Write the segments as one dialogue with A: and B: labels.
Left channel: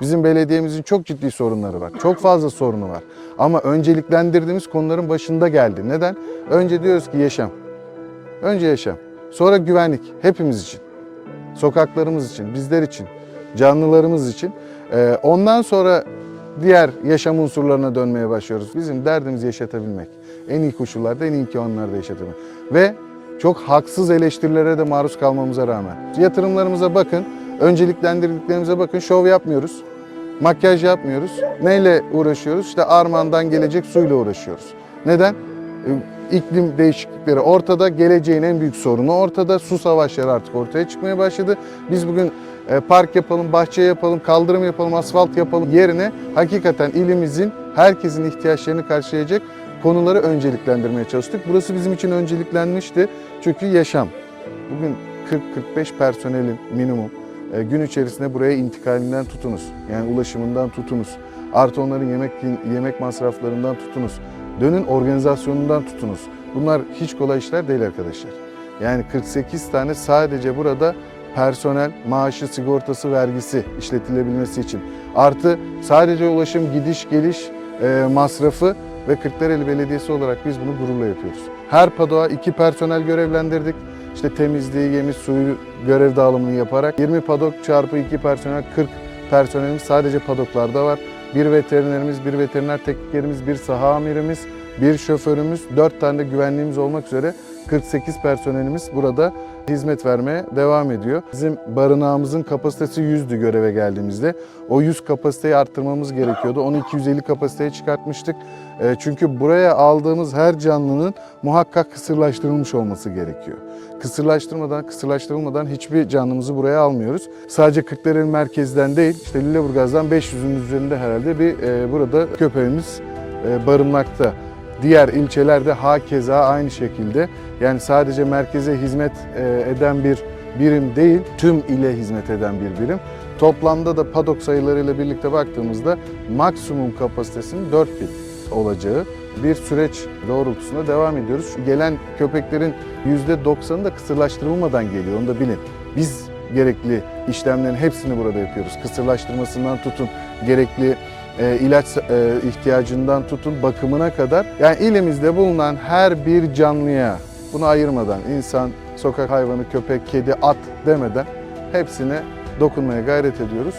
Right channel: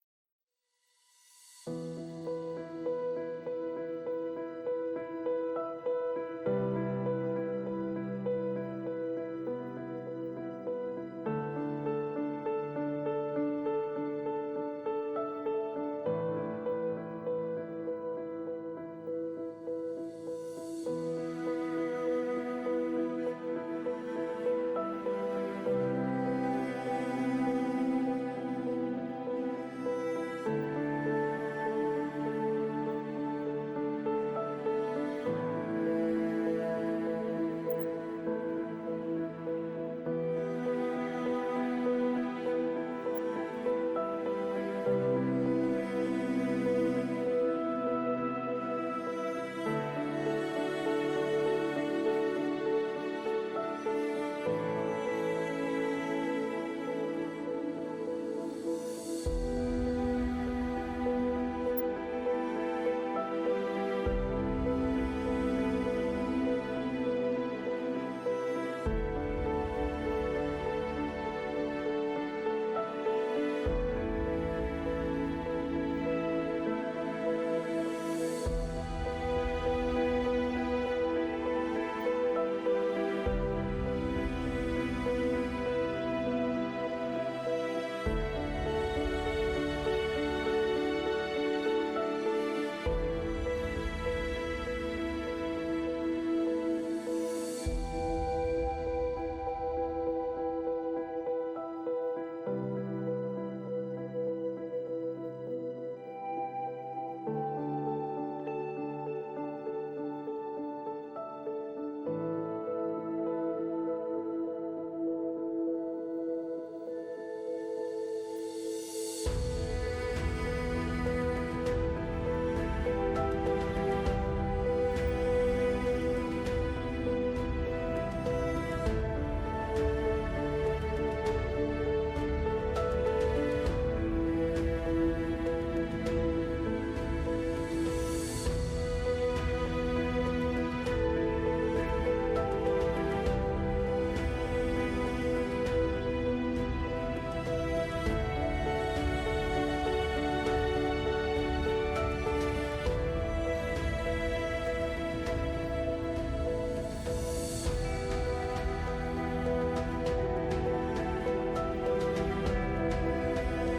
A: Bizim belediyemizin çok ciddi sorunları var. Çok fazla sorunu var. Ama önceliklendirdiğimiz konuların başında geldi. Neden? Önce diyoruz ki yaşam. Önce yaşam. Sonra güvenlik. Hepimiz için. Sokaklarımız için, bizler için, canlılarımız için. Ee, ondan sonra diğer yaşam unsurlarına dönmeye başlıyoruz. Bizim derdimiz yaşatabilmek. En iyi koşullarda en iyi imkanlarda yaşatabilmek. Ve çok haksız eleştirilere de maruz kalmamıza rağmen. Yatırımlarımıza bakın, önceliklendirdiklerimize bakın. Şov yapmıyoruz, makyaj yapmıyoruz. Neyle uğraşıyoruz? İşte armağandan gelecek suyla uğraşıyoruz. Neden? Ee, İklim değişiklikleri ortada, geleceğin en büyük sorunu ortada. Su savaşları artık ortaya çıkmaya başladı. Biz bugün e, park yapalım, bahçe yapalım, kaldırım yapalım, asfalt yapalım yerine hakikaten ilimizin herkesin ihtiyaçlarını karşılayacak konuları önceliklendirmeye çalıştık. Burası bizim için önceliklenmişti çünkü yaşam. Bugün 40-45 personelin minimum e, gün içerisinde buraya intikalinden tutunuz. Yani ulaşımından tutunuz. Artı onların yemek yemek masraflarından tutunuz. Dönün organizasyonundan tutunuz. Bunlar hiç kolay işler değil arkadaşlar. Yani 48 tane sadece burada personel maaşı, sigortası, vergisi işletilebilmesi için. Artı sadece ulaşım, gidiş, geliş e, masrafı ve Kırklareli Belediyesi olarak biz bunu gururla yapıyoruz. Her padoğa iki personel görevlendirdik. İşte temizliği, yemi, suyu görev dağılımını yaparak 20 padok çarpı 2 personel 40 personelimiz sadece padoklarda var. Bir veterinerimiz, bir veteriner teknikerimiz, bir saha amirimiz, bir şoförümüz, 4 tane güvenliğimiz olmak üzere 48 personelimiz burada hizmet vermeye devam ediyor. Bizim barınağımızın kapasitesi 100'dü göreve geldiğimizde. O 100 kapasiteyi arttırmamız gerekiyordu. Onu 250 kapasiteye çıkartmıştık. E, Çünkü buraya aldığımız her canlının muhakkak kısırlaştırılmış olması gerekiyor. Kısırlaştırmadan, kısırlaştırılmadan hiçbir canlımızı buraya almıyoruz. Sadece Kırklareli merkezden değil, işte Lüleburgaz'dan 500'ün üzerinde herhalde bir e, burada köpeğimiz e, barınmakta. Diğer ilçelerde hakeza aynı şekilde. Yani sadece merkeze hizmet e, eden bir birim değil, tüm ile hizmet eden bir birim. Toplamda da padok sayılarıyla birlikte baktığımızda maksimum kapasitesinin 4000 olacağı bir süreç doğrultusunda devam ediyoruz. Şu gelen köpeklerin %90'ı da kısırlaştırılmadan geliyor, onu da bilin. Biz gerekli işlemlerin hepsini burada yapıyoruz. Kısırlaştırmasından tutun, gerekli e, ilaç e, ihtiyacından tutun bakımına kadar. Yani ilimizde bulunan her bir canlıya bunu ayırmadan insan, sokak hayvanı, köpek, kedi, at demeden hepsine dokunmaya gayret ediyoruz.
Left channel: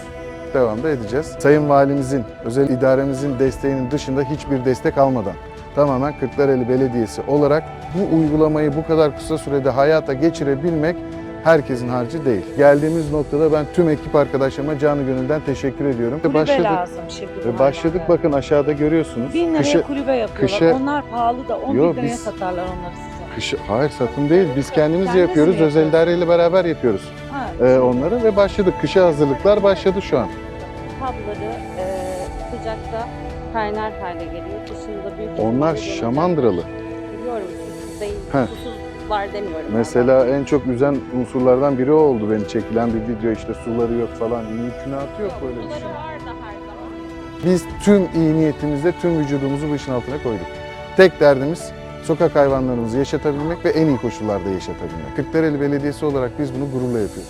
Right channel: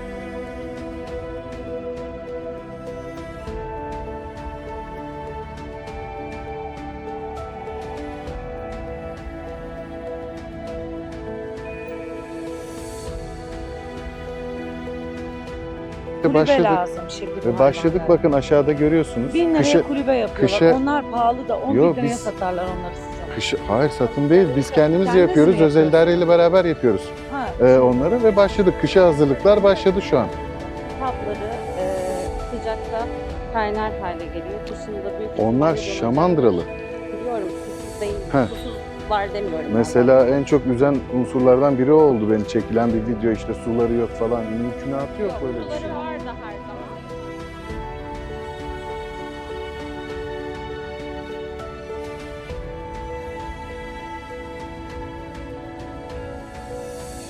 A: Devam da edeceğiz. Sayın Valimizin, özel idaremizin desteğinin dışında hiçbir destek almadan tamamen Kırklareli Belediyesi olarak bu uygulamayı bu kadar kısa sürede hayata geçirebilmek herkesin harcı değil. Geldiğimiz noktada ben tüm ekip arkadaşlarıma canı gönülden teşekkür ediyorum.
B: Kulübe
A: Başladık
B: lazım şimdi bu
A: başladık
B: hayvanlara.
A: bakın aşağıda görüyorsunuz.
B: Bin liraya
A: Kışı-
B: kulübe yapıyorlar.
A: kışa-
B: Onlar pahalı da 10
A: Yo,
B: bin liraya
A: biz-
B: satarlar onları size.
A: Kışı, hayır satın değil. Biz kendimiz
B: Kendiniz
A: yapıyoruz. Özel idareyle beraber yapıyoruz
B: Ha,
A: e,
B: şimdi
A: onları ve başladık. Kışa hazırlıklar başladı şu an.
C: Kabları e, sıcakta kaynar hale geliyor. Kışında büyük
A: Onlar şamandıralı.
C: Biliyorum susuz değil.
A: Heh.
C: Susuzlar demiyorum.
A: Mesela en çok üzen unsurlardan biri oldu beni çekilen bir video işte suları yok falan. Mümkünatı yok
C: Yok,
A: böyle bir
C: suları
A: şey.
C: vardı her zaman.
A: Biz tüm iyi niyetimizle tüm vücudumuzu bu işin altına koyduk. Tek derdimiz sokak hayvanlarımızı yaşatabilmek ve en iyi koşullarda yaşatabilmek. Kırklareli Belediyesi olarak biz bunu gururla yapıyoruz.